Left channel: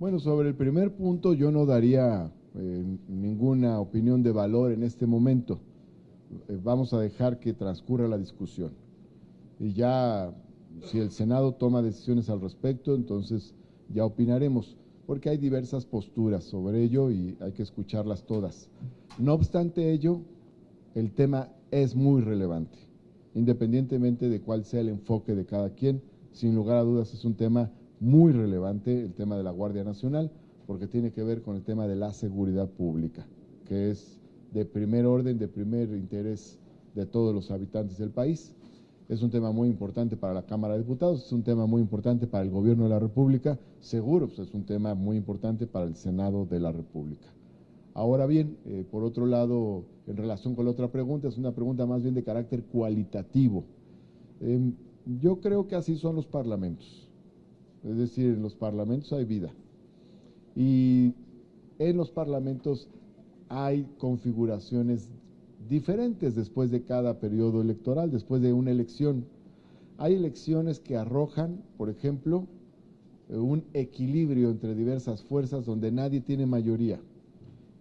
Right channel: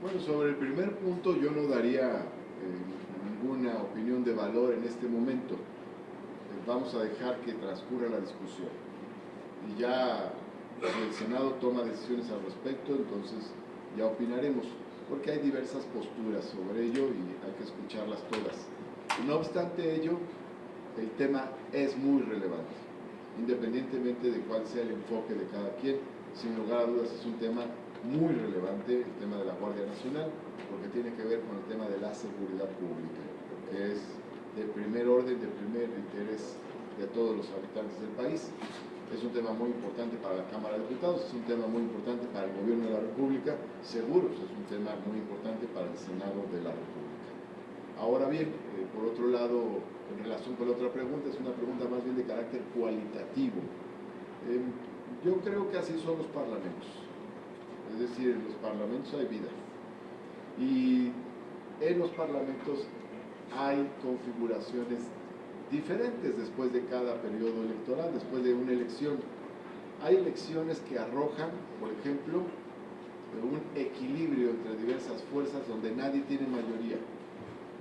Bueno, sobre el primer punto yo no daría ninguna opinión de valor en este momento. Vamos a dejar que transcurra la discusión. Y ya, si el Senado toma decisiones al respecto, entonces ya opinaremos, porque hay diversas posturas sobre ello y hay que escucharlas todas. No obstante ello, el tema es muy relevante, independientemente de cuál sea el enfoque de cada quien. Sin lugar a dudas es un tema muy relevante, el tema de la Guardia Nacional, porque tiene que ver con el tema de la seguridad pública, que es de primer orden, de primer interés de todos los habitantes del país. Es un tema muy importante para la Cámara de Diputados, es un tema muy importante para el Gobierno de la República, seguro es un tema muy importante para el Senado de la República. Ahora bien, por otro lado, en relación con la otra pregunta, es una pregunta más bien de carácter cualitativo. Eh, yo creo que así son los parlamentos, es decir, en los parlamentos hay vida y en los parlamentos hay configuraciones diferentes después de cada periodo electoral, después de una elección. Hay elecciones que arrojan, por ejemplo, un equilibrio entre diversas fuerzas donde nadie tiene mayoría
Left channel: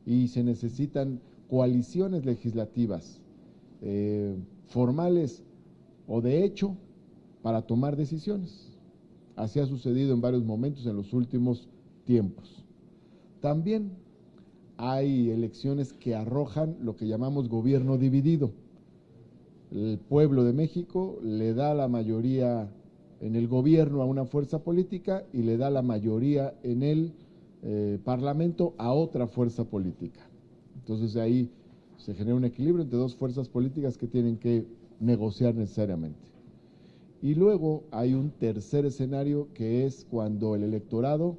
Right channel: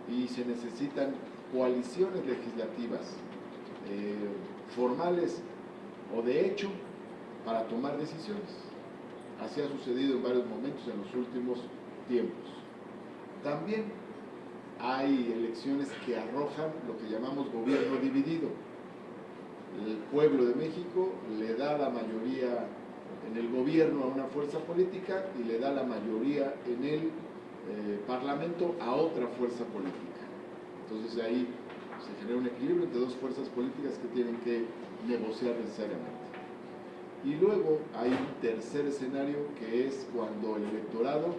y se necesitan coaliciones legislativas eh, formales o de hecho para tomar decisiones. Así ha sucedido en varios momentos en los últimos tiempos. También hay elecciones que arrojan lo que llamamos gobierno dividido. El pueblo de México le da la mayoría en el gobierno a una fuerza política y le da la mayoría en el parlamento a otra fuerza política. Entonces ahí se genera un equilibrio entre dos fuerzas políticas que tienen que negociar necesariamente. Y luego hay un tercer escenario que es cuando el electorado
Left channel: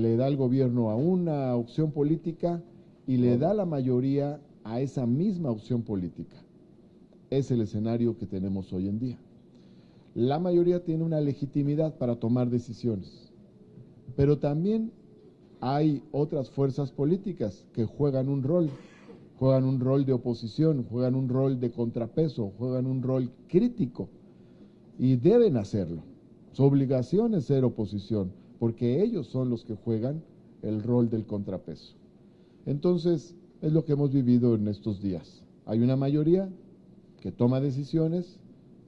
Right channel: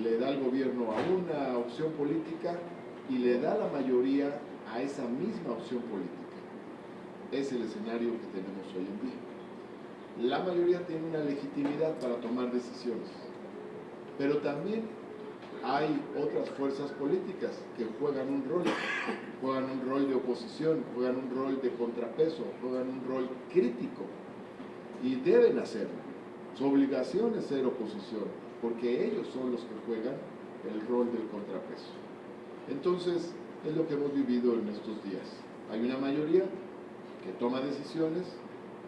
le da el gobierno a una opción política y le da la mayoría a esa misma opción política. Es el escenario que tenemos hoy en día. La mayoría tiene una legitimidad para tomar decisiones, pero también hay otras fuerzas políticas que juegan un rol de oposición, juegan un rol de contrapeso, juegan un rol crítico y deben hacerlo. Su obligación es ser oposición, porque ellos son los que juegan el rol del contrapeso. Entonces, es lo que hemos vivido en estos días. Hay una mayoría que toma decisiones,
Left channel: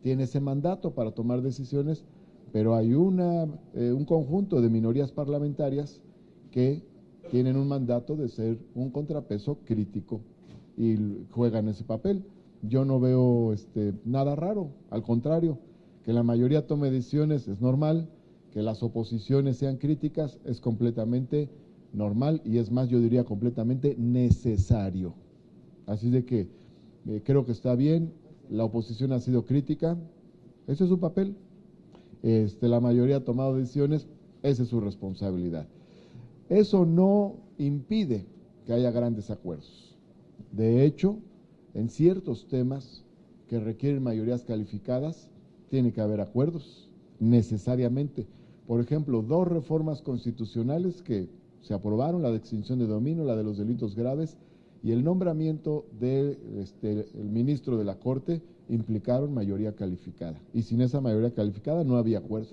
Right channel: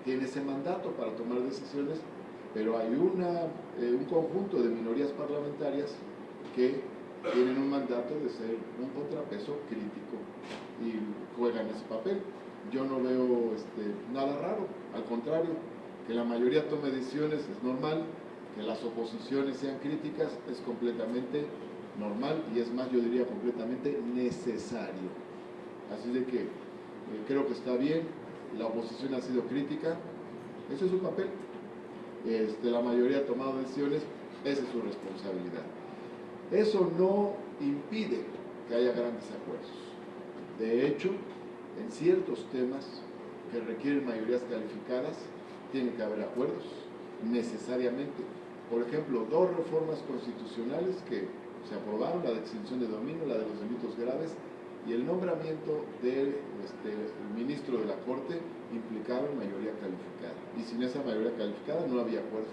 tiene ese mandato para tomar decisiones, pero hay un conjunto de minorías parlamentarias que tienen un mandato de ser un contrapeso crítico y juegan ese papel. Yo no veo nada raro, al contrario, que la mayoría tome decisiones es normal, que las oposiciones sean críticas es completamente normal y es más, yo diría completamente necesario. Así de que creo que está bien, la oposición ha sido crítica, eso es su papel, la mayoría ha tomado decisiones, esa es su responsabilidad. Eso no impide que haya grandes acuerdos. De hecho, en ciertos temas que requieren mayorías calificadas, tiene que haber acuerdos, necesariamente. Por ejemplo, dos reformas constitucionales que se aprobaron, la de extinción de dominio, la de los delitos graves, y el nombramiento del ministro de la Corte implicaban mayoría calificada. Y sin esa mayoría calificada no había acuerdo.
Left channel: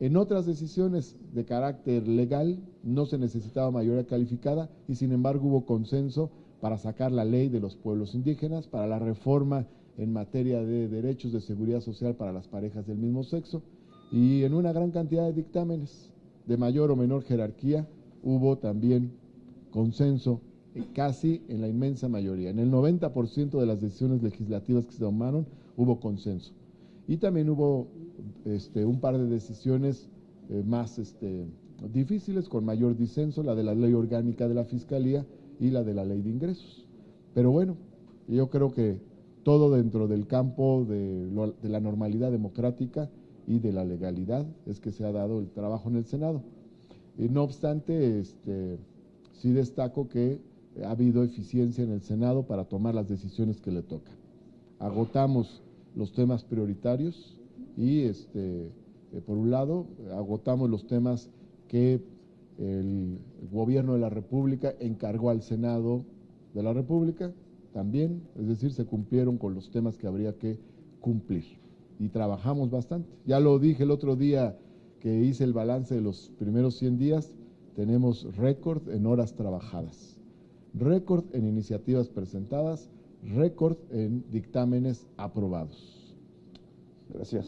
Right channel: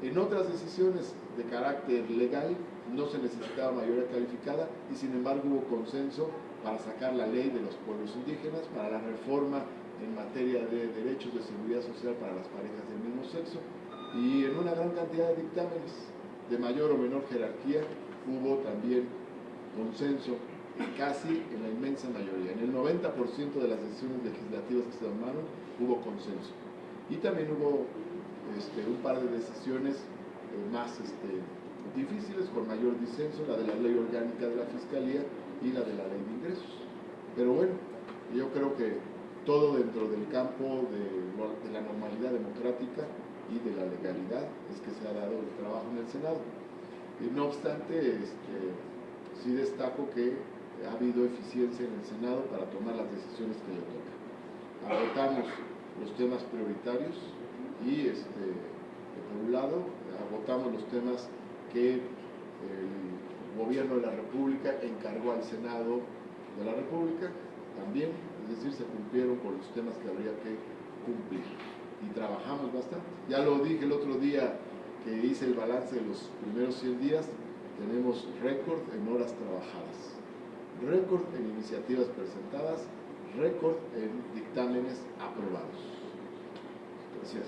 En otras decisiones de carácter legal no se necesitaba mayoría calificada y sin embargo hubo consenso para sacar la ley de los pueblos indígenas, para la reforma en materia de derechos de seguridad social para las parejas del mismo sexo y en una gran cantidad de dictámenes de mayor o menor jerarquía hubo también consenso casi en la inmensa mayoría. En el 90% de las decisiones legislativas que se tomaron hubo consenso. Y también hubo un par de decisiones más difíciles, con mayor disenso, la de la ley orgánica de la Fiscalía y la de la ley de ingresos. Pero bueno, yo creo que todo dentro del campo de la normalidad democrática y de la legalidad es que se ha dado el trabajo en el Senado. Y no obstante, sí destaco que ha habido eficiencia en el Senado para tomar las decisiones que le toca. Agotamos los temas prioritarios y por un lado agotamos los temas que el gobierno de la República encargó al Senado de la República también, es decir, se cumplieron con los temas que habría que cumplir y trabajamos bastante. Ya lo dije el otro día que hice el balance de los primeros 100 días, tenemos récord en horas trabajadas, récord en iniciativas presentadas, récord en dictámenes aprobados. Gracias.